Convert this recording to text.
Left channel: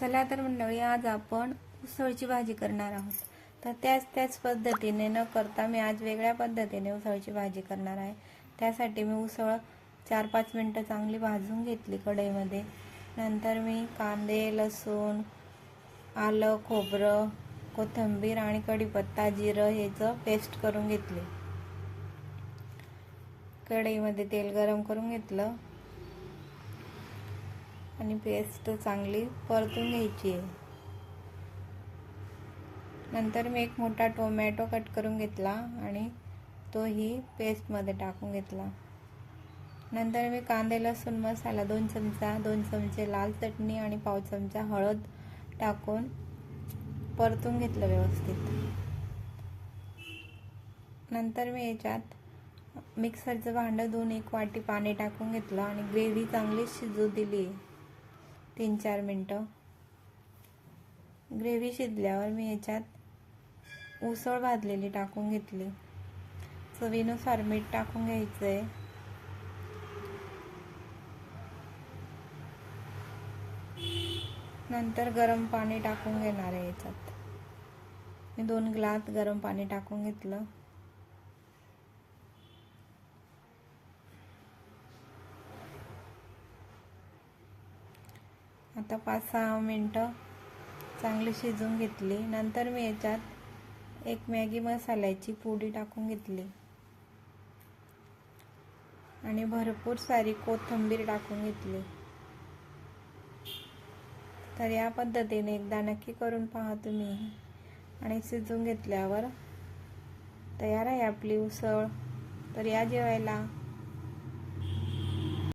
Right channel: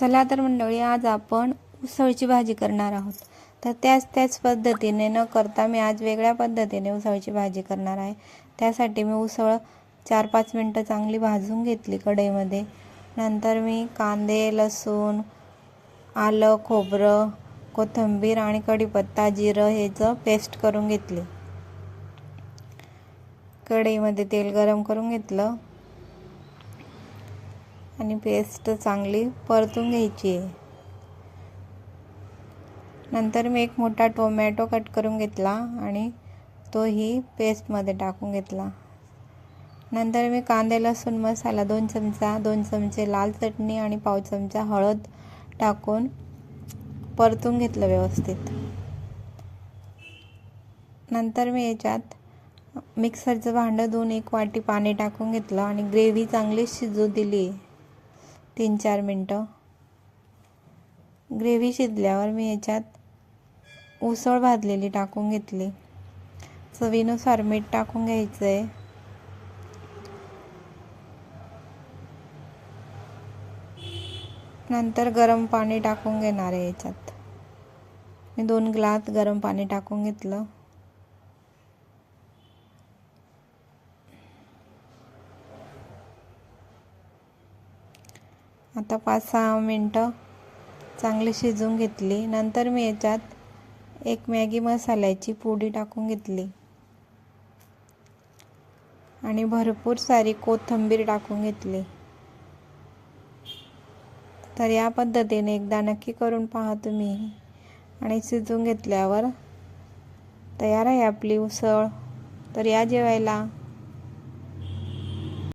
चला तर मंडळी आज आपण उसळची भाजी करणार आहोत. तर त्याच त्याच पद्धतीने न करता मी आज वेगळ्या पद्धतीने उसळची भाजी करणार आहे. त्यासाठी मी उसळ चार पाच मिनटं चांगली भाजून घेतली कढईमध्ये. नंतर मी कांदे लसूण आलं खोबरं कोथिंबीर आणि कढीपत्ता जिरं ह्याचं पेस्ट करून घेतली. कढईमध्ये तेल गरम करून घेतलं. आणि पेस्ट चांगली परतून घ्यायची. आहे नंतर मी एक मोठा टोमॅटो कट करून घेतला आणि तोही पेस्टमध्ये टाकून घेतला. नंतर मी कांदे लसूण मसाला दोन चमचा दोन चमचे लाल चटणी आणि पाव चमचा हळद टाकून परतून घेतलं व्यवस्थित. नंतर मी याच्यात मिक्सरचं भांडं धुवून एक वाटी पाणी टाकून घेतलं आणि ग्रेव्ही चांगली शिजू दिली. तीन चार मिनटं. ग्रेव्ही शिजल्यावर मी याच्यात उसळ भाजलेली टाकून घेतली. चवीनुसार मीठ टाकून घ्यायचं आहे नंतर गरम पाणी टाकून घेणार आहे याच्यात. मी दोन ग्लास गरम पाणी टाकून घेतलं. आता पाच सहा मिनटं चांगली शिजवून घेतली. नंतर मी याच्यात एक मॅगी मसाल्याची पुडी टाकून घेतली. आणि भरपूर सारी कोथिंबीर टाकून घेतली. तर या पद्धतीने एकदा नक्की करून पहा तुम्ही. आणि शिजवून घेतल्यावर तयार आहे आपली उसळ. तर या जेवायला